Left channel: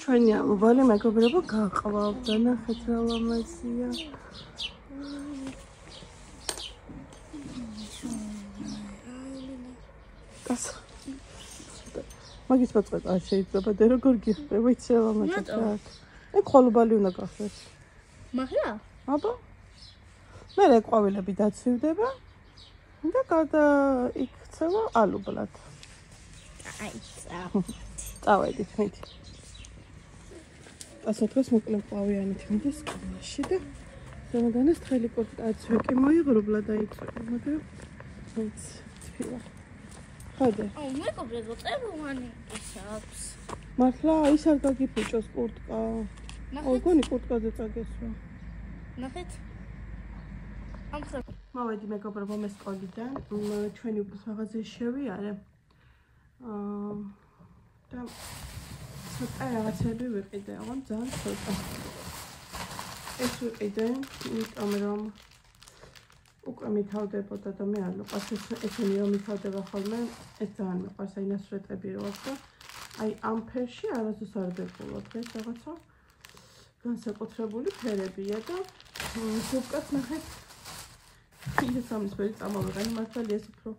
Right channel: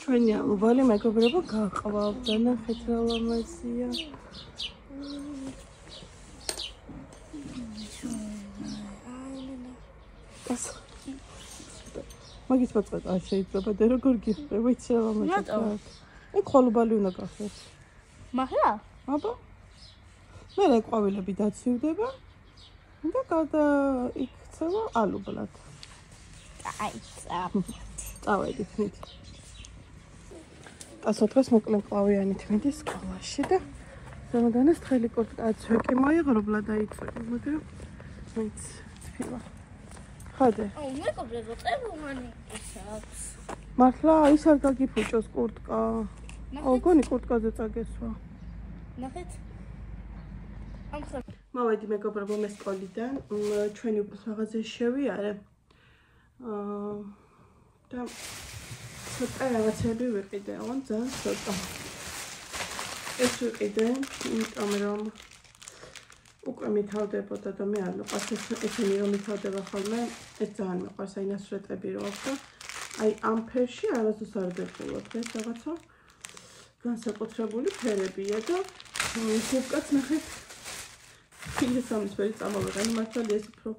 ჩვენი ამბალი მეგობრებო გაყავდა ნახეთ რა ლამაზია. მაგის მოწყვეტა შეიძლება და როგორ გიხდება იცი რა ლამაზია. ეგ ხოლობალი უნდა გახდეს. მახლა? აბა. მე რა ყვავილები დაცივდება და გადა იქცევა ალუბლად. აიცა. წავედი ხეთი. ასოთრას მოკლე ყვავიანით მიდის სკოლაში და ზემოდანაც თხელი კურტკაც ვეკი მოიღრობლა და იწვია, მაგრამ მაინც თვითონ. ხოდე. აუ მეგობრებო, ყებულანი ის აქვს. მართლა ის არ გაგიფუჭოს კურტკა. გონი კურტკაზე წაგესვა. ნახეთ. ამხრივ მოვედი მეგობრებო მე სკოლიდან, ჩვენი უფრო მაღაზიაში შევიარე. და ცოტა რაღაცები ვიყიდე, ძალიან ცოტა. ეს ვიყიდე, იმიტომ რომ უკვე მითავდებოდა და მე არ მიყვარს ესენი რომ მითავდება ხოლმე, ეს ძალიან მიყვარს აი ნასვრეტები რო აქვს და აი ამ ფერში არასდროს არ ვეყოლო დღეს რაღაცა განსაკუთრებული ფერებია და უკაც ნახეთ იესამისფერი წამოვეყენი მართალია ეს უფრო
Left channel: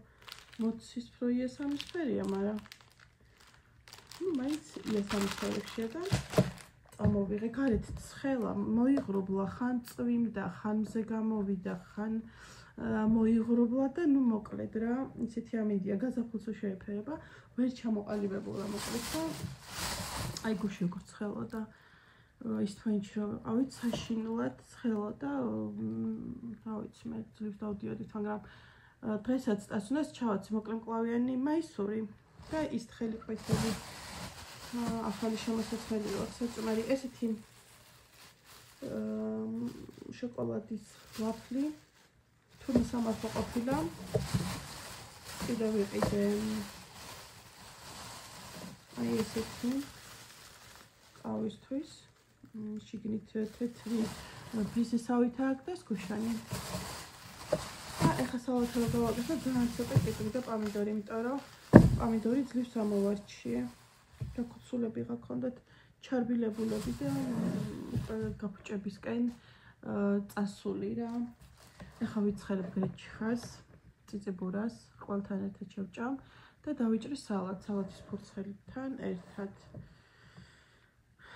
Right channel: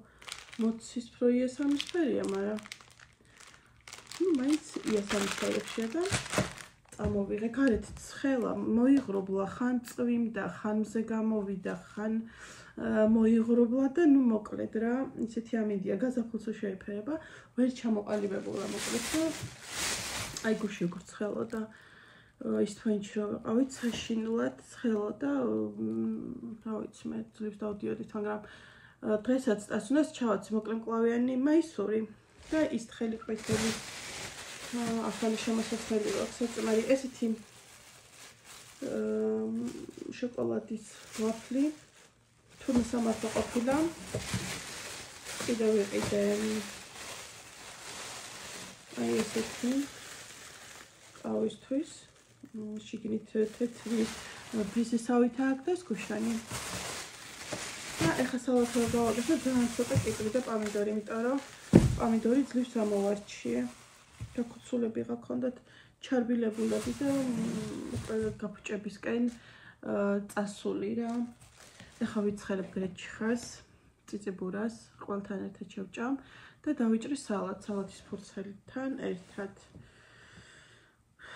მოცისფრო იესამისფერია, მაგრამ მაინც იესამისფერებშია და წამოვიღე გარეთ ცხელა მოიღრობლა ხან წვიმდა ხან მზე გამოვიდა ხან მოიღრობლა და ნუ მოკლედ რა ისეთი ამინდია გაზაფხულზე შეიფერება ვერ ჩამოყალიბებულა მოკლედ და აი გუში როგორ ცხელა და ის თვენჩი რომ ვიყავით საშინლად ცხელა და რა ვიცი მე ძლივს დავდიოდით მაგრამ დღესაც წასვლას ჩავაცი მოკლე მკლავიანი მაისური და ის თხელი ყვითელი ახალი შემოსაცვლელი აქვს საწმარი ესეთი შოკოლადის ვაფლი თუნდაც სამართო ყოფილა კიდევ ვიყიდე აი ესეთი ყავისთვის შიგნით თეთრი ფისისავით აქვს გუშანი და ეხა სალათა რო გავაკეთე ძალიან ცოტა კიკრი და პომიდორი იმიტომ რომ პომიდორი ძლივს ამოვარჩიე და ქუცულები გაქონდათ ჩარბილებულები და ყველა გაფუჭებისკენ წასული რა ეხა ვიცხელებ გრეჩხას წიწიბურას ყველთან ერთად შევჭამ და დავიჭრი სალათის ფურცელთან ერთად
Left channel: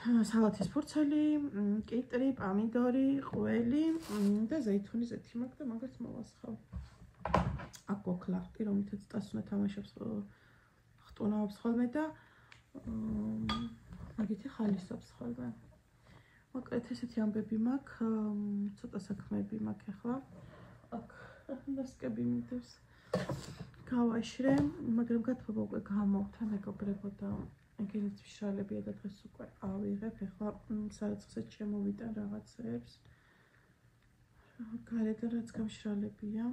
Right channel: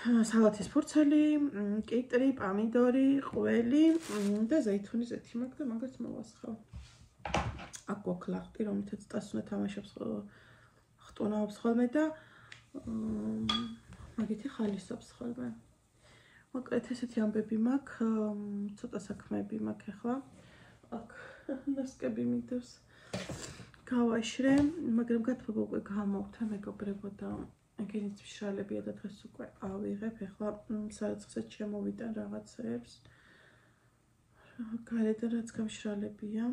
სალათის ფურცელი, კიტრი, პომიდორი, ყველი და ზეითუნის ზეთი მაქვს და მაგას მოვასხავ. აქ გოქლახტი, რომელთაც წასვლა თამაშობს ხტუნაობს ხოლმე და მაგითი ხალისობს ხოლმე. მოკლედ ესეთი ამბები მაქვს, ცოტა საქმეები მაქვს ახლა. აქ ნასკები მინდებს გავაშრე, მაგრამ გათბობა უკვე გამოვთა მეგობრებო და ეგენიც მშრალებია და დღეს უკვე ავიღებ, ახლა სარაცხეზე შემოვიდა რაღაცებს. გარედან რაც გამშრალებია.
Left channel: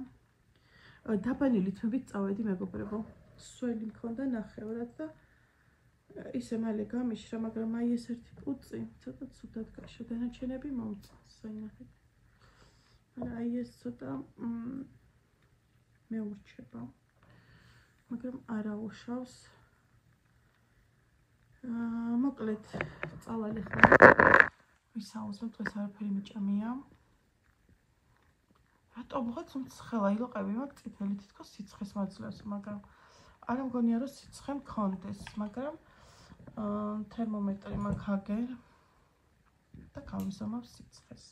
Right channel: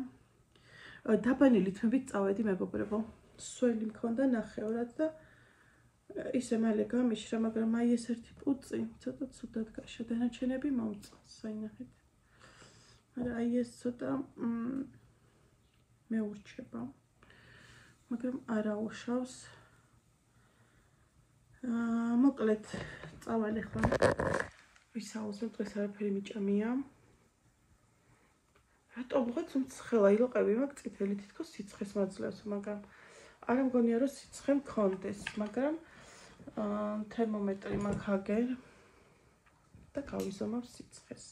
დაბანილი თმებით წავედი მეგობრებო. სველი მქონდა ნახევრად და ისე მალე გამიშრა, მაგრამ აი ეს ერთი პუწი ცოტა ცუდად გაშა, დანარჩენები მომწონს, საინახეთ. მაგრამ აი ეს ცოტა მეურჩება. მაგრამ არა უშავს. მოკლედ წავალ ახლა ვისაუბრებ დღეს არაფერი მიჭამია რატომ ვიღაც მცხელა ილყები მაქვს წითელი თითქოს სიცხეს მაძლევს მაგრამ არ მგონია რომ სიცხე მქონდეს მაგრამ თერმომეტრი მაქვს აგერ და გავიზომავ სიცხეს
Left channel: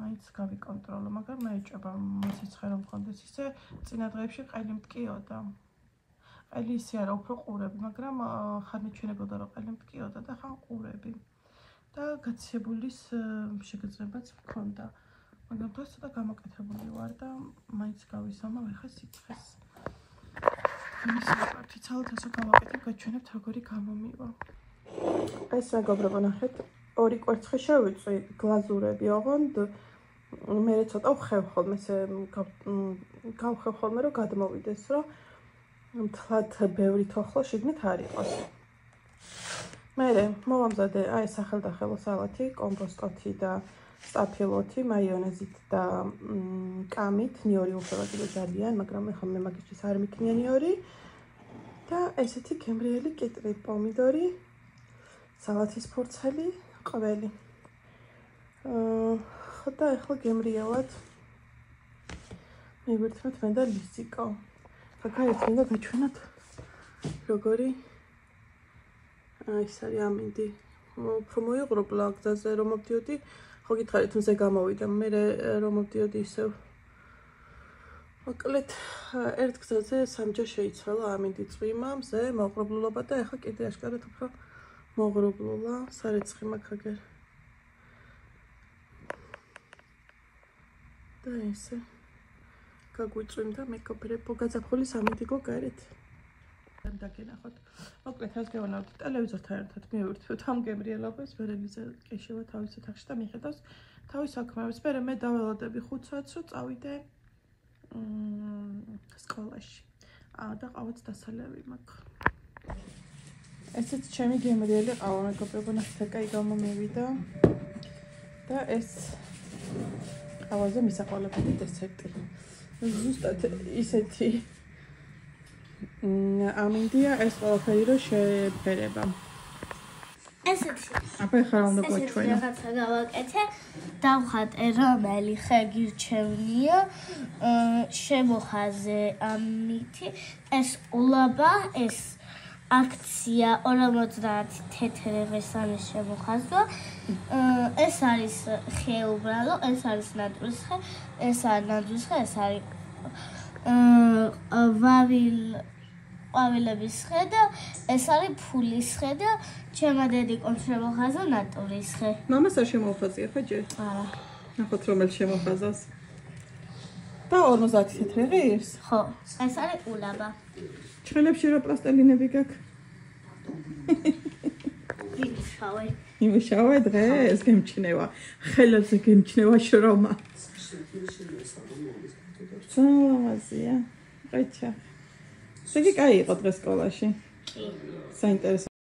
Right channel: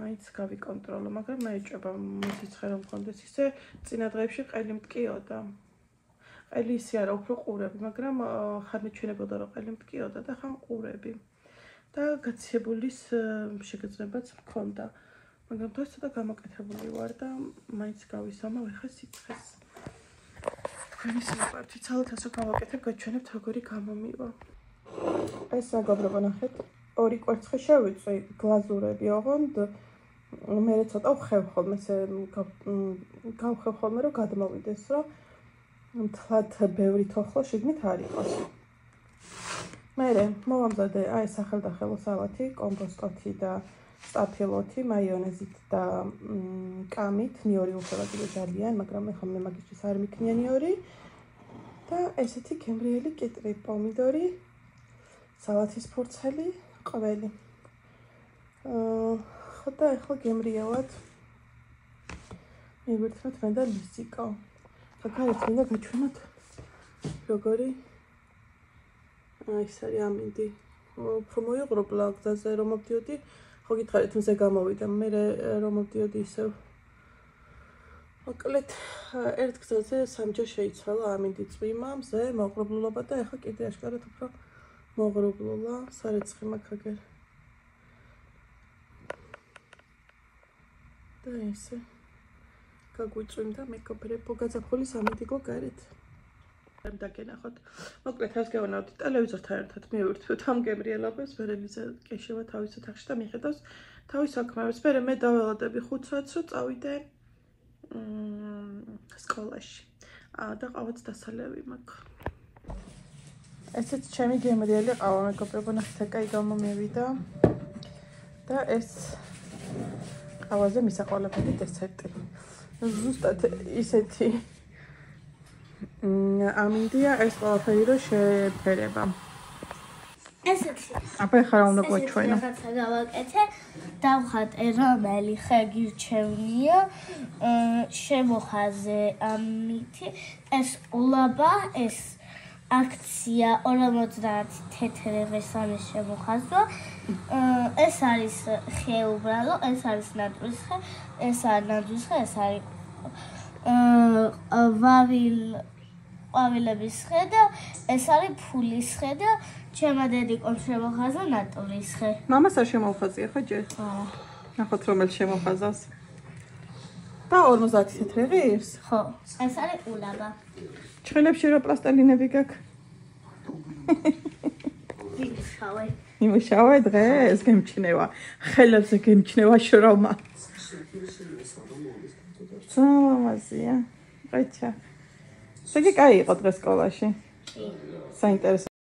მაინც გავიკონტროლო მაგრამ მეეჭება სიცხე რომ მქონდეს ისე წინა დღეებში ყელი მტკიოდა ყელი ისე არა უფრო ყურები, მაგრამ ხარ მეჩვენებოდა რომ ყელი მტკიოდა და ხან ყურები. და გაცეbulis შეგრძნებაც მქონდა. მაგრამ დღეს ცოტა გამოკეთებული ვარ და მაინც გავისამავ ახლა სიცხეს. თქვენი სიყვარული ცალათას რო გავაკეთებ, გაჩვენებთ როგორი გამომივა. ეს მეგობრებო ნახეთ, ორი კვერცხი შევიწვი გლაზურები, ოღონდ მე ცოტა ვხევ ხოლმე, ესე გავხევ ხოლმე რომ გადმოვიდეს, რომ მთლად ბევრი თოხლა შიგნით არ იყოს. მერე მოვამზადე აი სახელდახელო სალათი, კომპოსტოთი და სტაფილოთი, მაიონეზით და კამით, ნიორი უხევადილი ძალიან, მაგრამ ეხლა მე მაგისთვის არ მიქნია ნიორი. და და ესეთი გემრიელი კიტრი, პომიდორი, სალათის ფურცელი, ყველი. ხო და ახლა გემრიელად მივერთმევთ მე და ლიზიკო. გაგარეთ მინდა გაჩვენოთ როგორი ეს არის ამინდი. უფრო მოიღრობლა გზაზე რომ მოვდიოდი, ხო გითხარით მზე გამოვიდა, მე რომ მოვდიოდი ისევ. მოკლედ ერთ გზაზე სამჯერ შეიცვალა ამინდი წვიმა, მზე, მოღრუბლულობა და ახლა კიდე აშკარად უფრო მოღრუბლულა, სარეცხი მაქვს აგერ. და ესე გაგვიწვიმდა მეკობრებო გაზაფხულის ამინდიგო გარეთ. დაგენახოთ. მოკლედ რას გავანავთ ტელევიზორთან ერთად მივირთვით ამ გემრიელობას, ვერელიზა კეშევა თავის ოთახში და მიხედავს თავის საქმეებს. მე დაველოდები 5 საათს რომ წავიდე სკოლაში. და ყავაც დასალევი მაქვს. ესეც ჩემი გემრიელი ყავა მეგობრებო, ნახეთ კაი გამომივიდა. და ეს ყავაზე მისაყვალებელი დესერტი. ზუსტად ისეთი ამინდია ეს ყველაფერი რომ შეფერება. ესეთი. აბა ხარ უნდა გვაჩვენო. რაღაცა გავაკეთე, დავხატე რომელი ხე გირჩევნია, შემოხაზე ამითი, ეს ულაბა, ეს აქცია 50 თეთრ სამის შემოხაზვა. ეს არის ხე უბრალო, ეს არის ნატურის ხე, ეს არის ნატურის ხე, ეს არის ყვავილების ხე და ეს არის ფულის ხე და ჩემმა დედიკომ შემოხაზა ნატურის ხე. მამას არ შემოხაზია ხო ჯერ? არა. ნახოთ რომელ შემოხაზავს. და 50 თეთრი ღირს? ხო, ეს არის ულაბა. ჩვენებში რა პლასტელინები გაქვს? ვიმუშავე. იმუშავე დღეს გემჩნევა. ხელებზე გემჩნევა შრომა. სალამაზია. ყიჩა. შეგე კაი იყო დღეს სკოლაში? კი. საინტერესო